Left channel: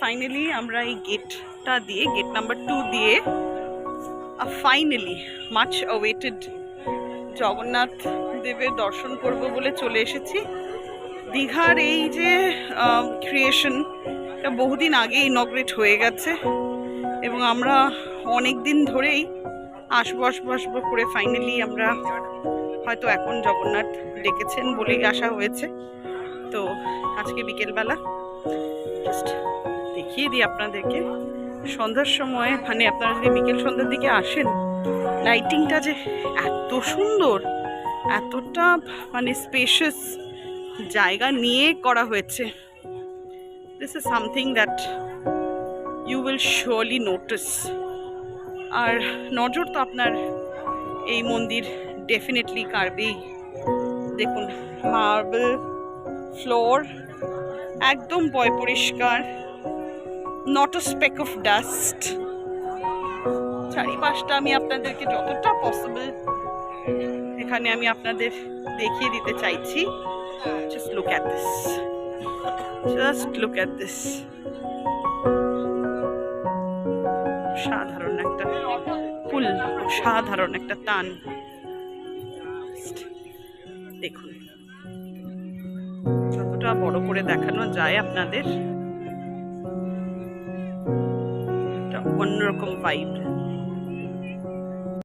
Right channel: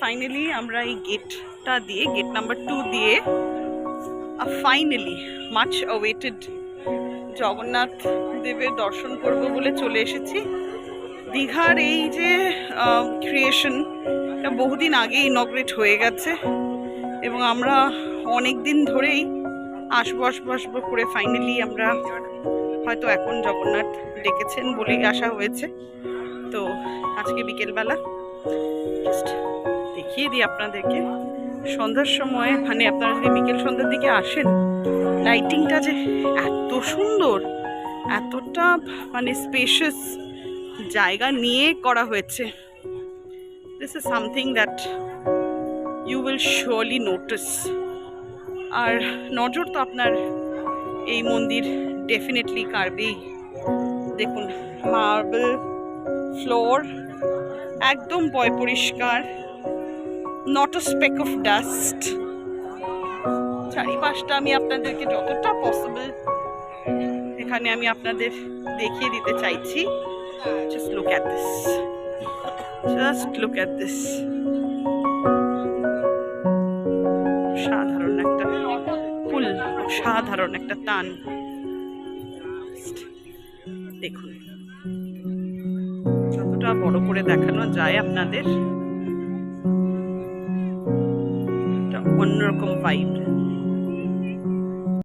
Finally আমরা এই গেটটা দিয়ে, গেট নাম্বার 2 দিয়ে ফাইনালি মাচ অওয়েটেড জগন্নাথ দেবের দর্শন করব বলে চলে এসেছি। দীঘার এই যে ক্রিয়েশন, এটা বহুদিন আগে ইনগ্রেট হয়ে গেছে এবং আমরা অনেক দিন ধরেই আসবো করে ফাইনালি আমরা হয়তো এখন জগন্নাথ ডেকেছেন বলেই আসা হয়েছে। তো আজকে বিকেলবেলা জাস্ট দেখিয়ে দিই আপনাদেরকে সন্ধ্যার সময়, মানে আপনারা যদি বিকেল সন্ধ্যার দিকে আসেন, লাইটিংটা যে এত সুন্দর, এতটা মানে স্পেশাস জায়গা নিয়ে করা হয়েছে। This is something that you will surely notice. আর নজর তো আপনার এই মন্দির ডেফিনেটলি কাড়বেই। দেখুন মার্বেল ফ্লোর, একদম পয় পরিষ্কার, not a speck of dust. চারিপাশটা আমি আপনাদেরকে যতটা পসিবল এখানে আমি আপনাদের দেখিয়ে দিতে চাইছি। Just look at this, just look at this. সাধারণ একটা ফুল, সাধারণ একটা টান। দেখুন যতটা বড় করে দেখানো যায় আপনাদের, একটা অন্যরকম ভাইব।